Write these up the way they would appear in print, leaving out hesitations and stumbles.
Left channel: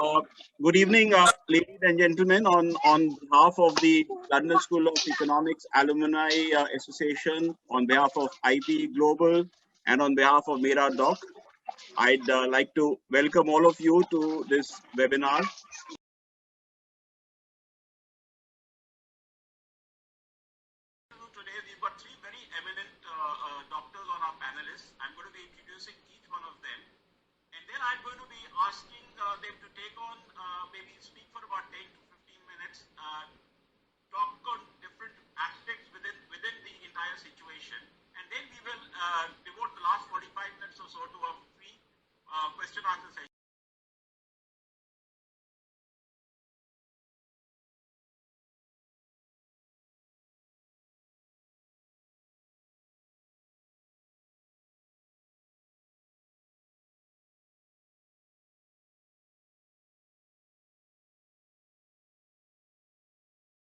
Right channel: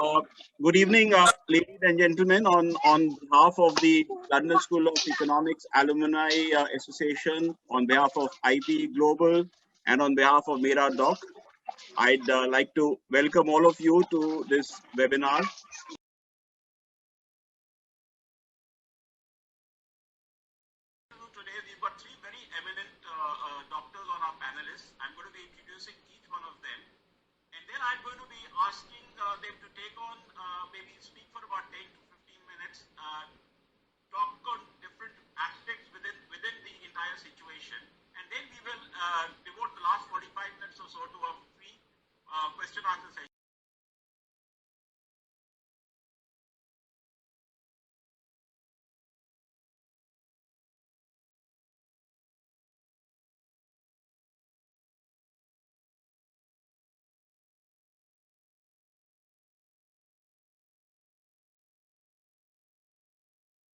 Uh, Good evening, ladies and gentlemen. On behalf of the London School of Economics Alumni Association, on behalf of IP Global, and on behalf of Mera Doc, I'd like to welcome all of you to this webinar. Today, we've got three very eminent doctors on our panelists. I'm going to be introducing each one of them. And then I'm going to be asking them to take on, maybe speak for about 10 to 15 minutes, talk on different aspects within the entire situation. And then we will devote the last 45 minutes or so to a free question answer session.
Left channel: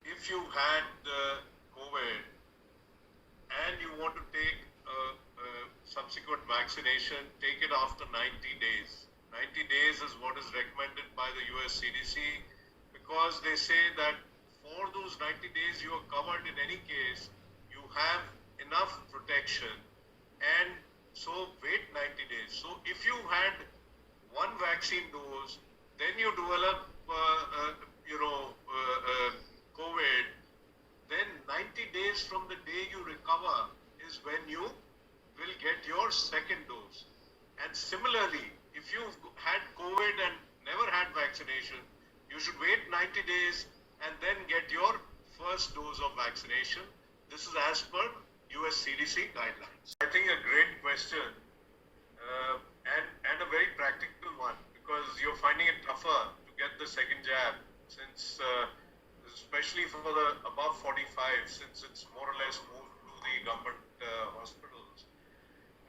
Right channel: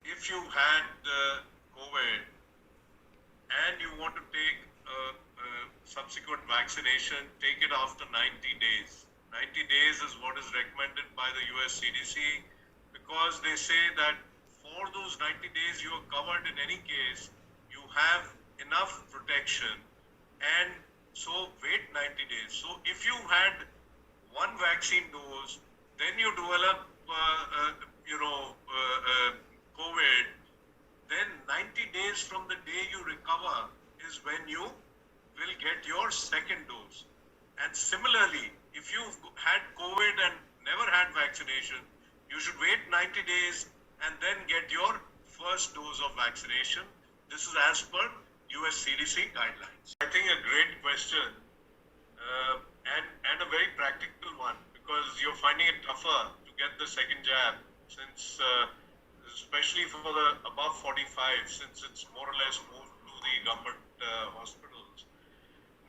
If you had COVID and you want to take a subsequent vaccination, take it after 90 days. 90 days is what is recommended by the US CDC because they say that for those 90 days you are covered in any case, you have enough protection, and so wait 90 days. So if you had one vaccine dose, then you develop COVID, then 90 days from the day you recover is when you will get your second dose. And similarly, if you've had COVID and never had vaccination, you should wait 90 days and then get your first dose of vaccination. This is as per US CDC guidelines. I think a great question and a very practical one, because you're finding it tougher to get the second jab since especially for the above 45, since it's more or less moved to the government hospitals.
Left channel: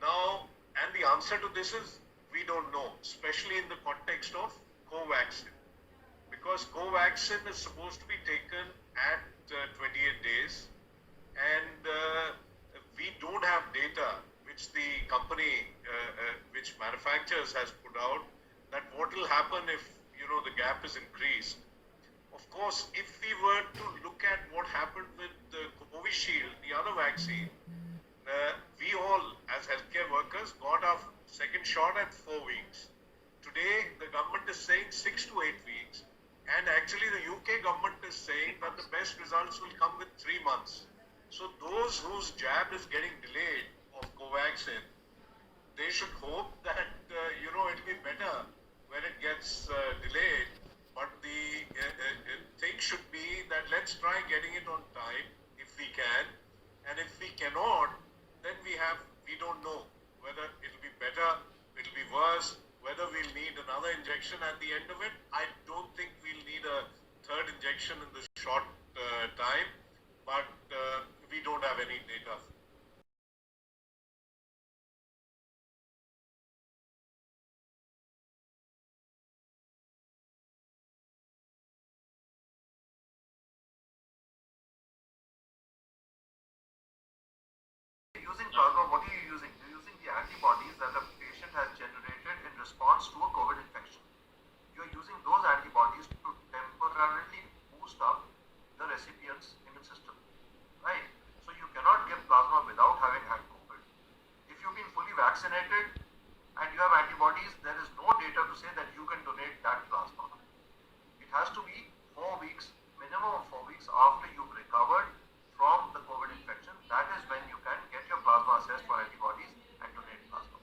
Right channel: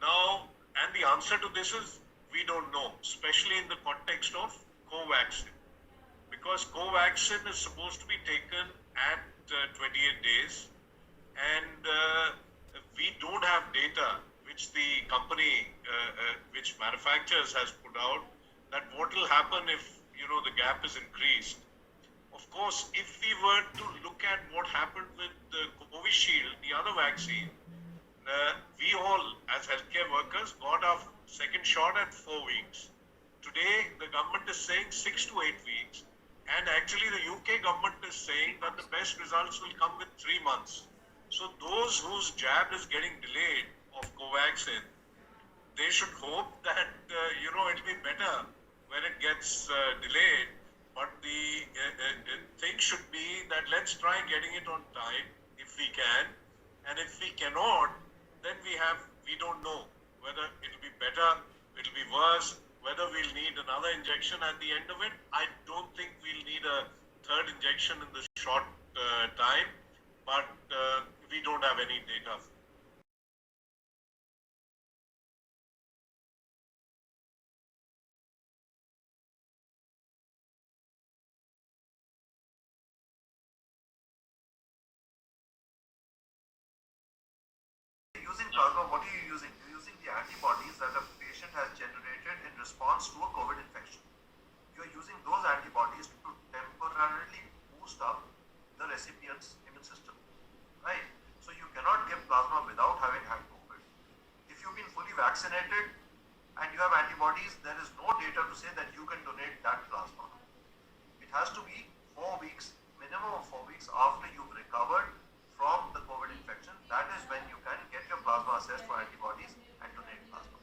Now, and the answer to this is we don't know, especially in the context of Covaxin. Because Covaxin is supposed to be taken at 28 days, and we don't have data which the company, which manufacturers has put out, that what will happen if, the gap is increased. Of course, if we were to look at what happened with the Covishield, the other vaccine, we all as healthcare workers got our second shot at 4 weeks. Today, the government is saying 6 to 8 weeks. And actually, the UK government is saying that the best results will come with 3 months. So those whose jab is getting delayed of Covaxin, they should hope that, it'll be better when it gets delayed. But the thing should be that let's try getting it on time if we can, and if we cannot, then we don't know whether it'll be better, it'll be worse, whether we'll need another injection at the end of it. I don't think we'll need a third injection in the short time, but we don't have any data. Using plasma, what are you using? You're using the antibodies that a patient has generated in response to a COVID infection. You're using those antibodies to temporarily boost up the recipient's immune system, right? So you cannot give plasma without having had COVID. If you've been fully vaccinated and you have antibodies, there is no data to say that you can donate that plasma. It has to be 4 weeks, minimum of 4 weeks after you've recovered from the COVID infection. That is when you can get your plasma assessed for antibodies and donate plasma.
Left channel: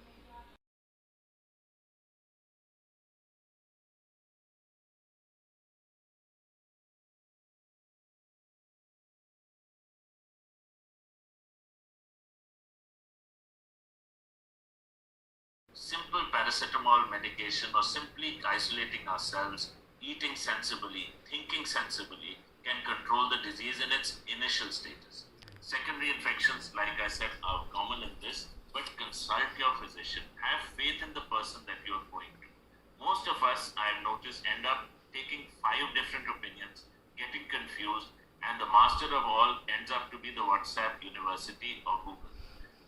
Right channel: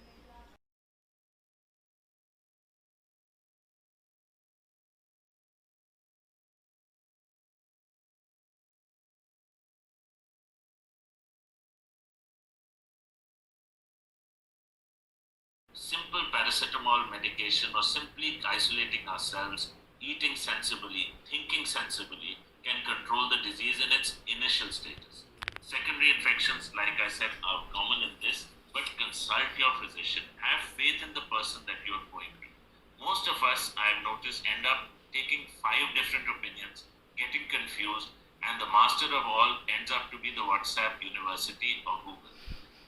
Simple paracetamol medication or simply isolating ourselves, eating sensibly, thinking sensibly can control the disease in its initial stages. Secondary infections, like I said, are common in this, but consult your physician. Have faith in the person that you are going to. Most of us, I have noticed, end up taking 5 different opinions, getting confused, and the master of all ends up to be the WhatsApp University or Google.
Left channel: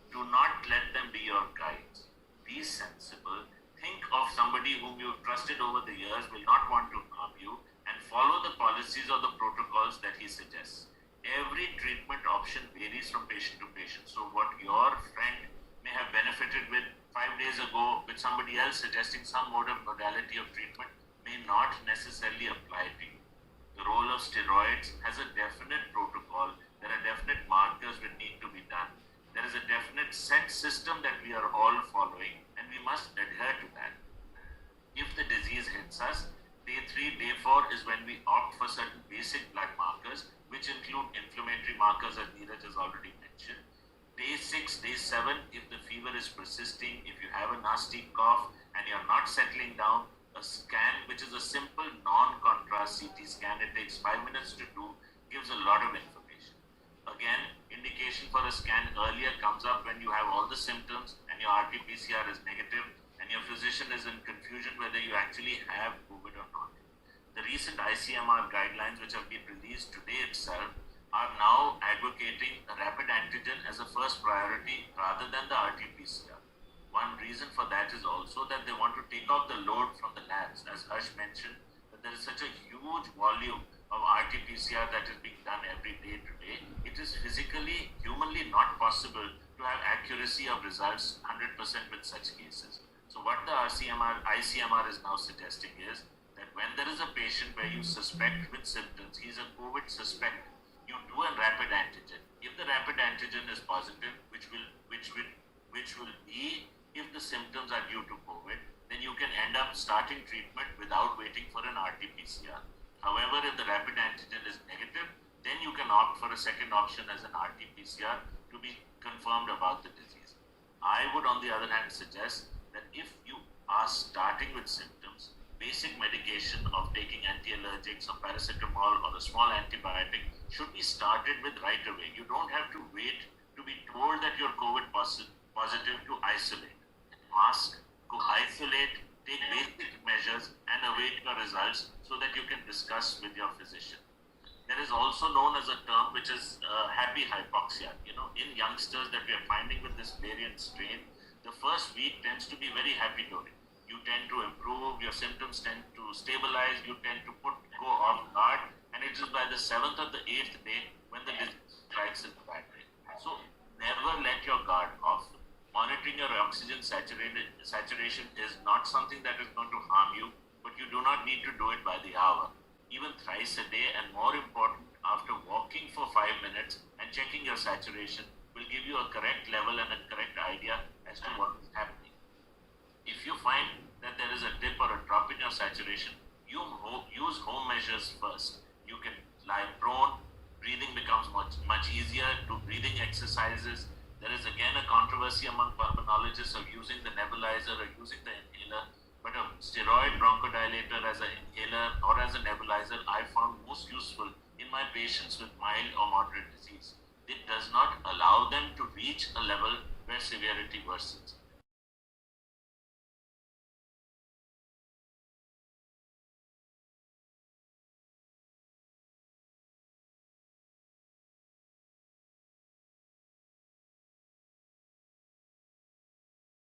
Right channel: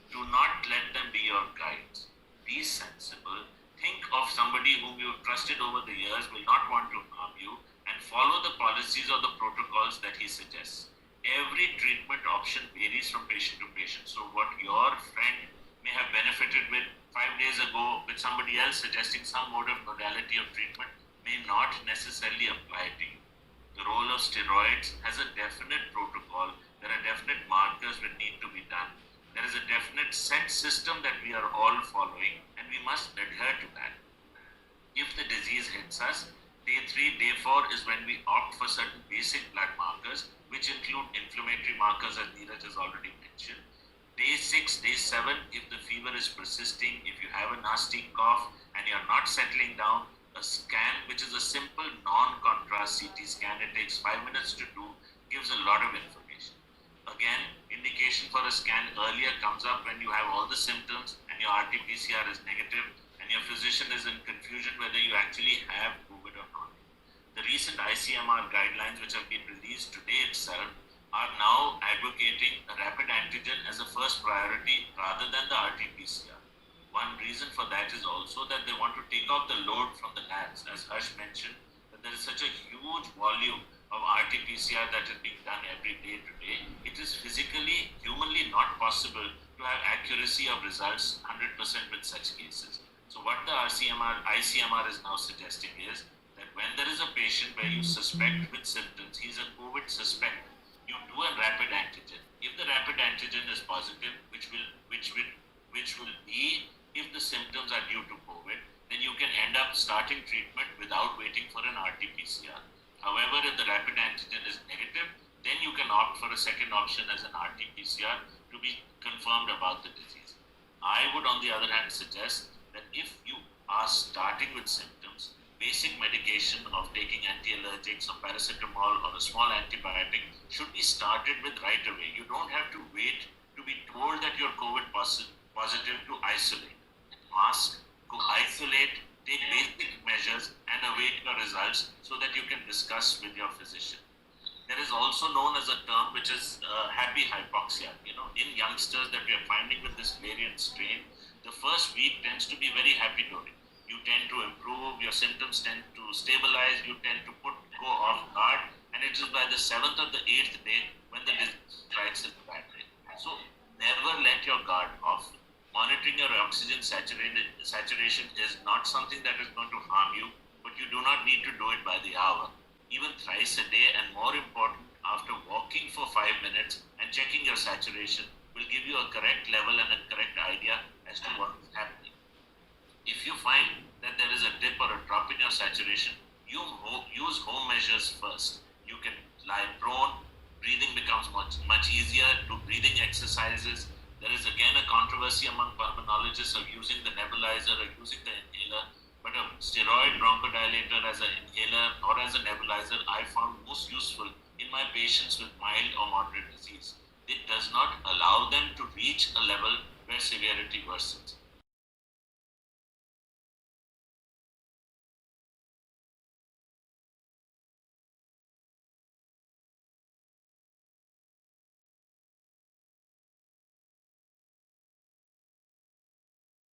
Do not let them be your guides. Be sensible, think of somebody whom you've trusted over the years, will not want to harm you, and follow the policies or the protocols that he suggests. Every treatment option varies from patient to patient. So what your friend may have benefited with 5 days ago with somebody else suggesting some mode of modality of treatment may not necessarily apply to you. The role of steroids has a definite protocol. There are definite markers that need to be done. There is a definite set system that we are all following, and we must adhere to that. If the disease hits us, day 3, day 4 is when we opt for certain basic blood markers, which include inflammatory markers, as Neeraj has already mentioned. Day 6, day 7, if the fever is persisting, if you have a nasty cough and you're not settling down, a scan, which is a simple non-contrast CT scan, it takes 5 minutes to do, gives a lot of information. Again, indication for a scan earlier comes up when you have all the symptoms and your RT-PCR is negative and your physician is in confusion whether you actually have COVID or not. The recent ICMR guidelines, which have been released today itself, are now advocating a rapid antigen as a first priority rather than the RT-PCR. One reason for that is also that they want to take off the load from the labs. As Harsh mentioned, that there is such a huge volume of RT-PCR that is being done every day today. It is physically, humanly not possible to have accuracy of results 100% with such cases. So what the ICMR is now suggesting is that when there is a patient where you suspect with symptoms, he's a COVID suspect, you do a rapid antigen. If the rapid antigen is positive, which will be if the symptoms are due to COVID, then you can end up starting treatment without waiting for an RT-PCR. However, if the rapid antigen is negative, then you can opt for a second option as an RT-PCR to be confirmed about the disease. I would, on the other hand, suggest that if you are starting with symptoms, basic medication of taking anti-allergics or paracetamol or a small antibiotic should be started with right away. You don't have to wait to be told that you're COVID positive to isolate. Mask, go isolate, take basic measures and await your results so that you can discuss with your physician. There is also known as a term which is happy hypoxia. In youngsters that we are finding with this variant strain, the first week tends to be very happy-doing. You tend to improve, your symptoms tend to stabilize, you tend to go off guard, and it is by the 7th or the 8th day when the disease strikes in the bad way. So never let your guard off. Monitoring your oxygen saturation is not something that is going to harm you, but you do not need to do it by the hour. Even thrice a day, and more important, after walking for 5 minutes and checking your saturation will give you a correct level and a correct idea as to what is happening. If you find that there is a dip or a drop in your saturation, you use home measures first. You can lie prone, breathing becomes much easier, do breathing exercises. There is again a controversy among pulmonologists of using the nebulizer or using the inhaler, but a steroid bronchodilator as an inhaler or as a nebulizer I found most useful in my patients with mild or moderate disease. It does not allow them to reach a level where severity worsens.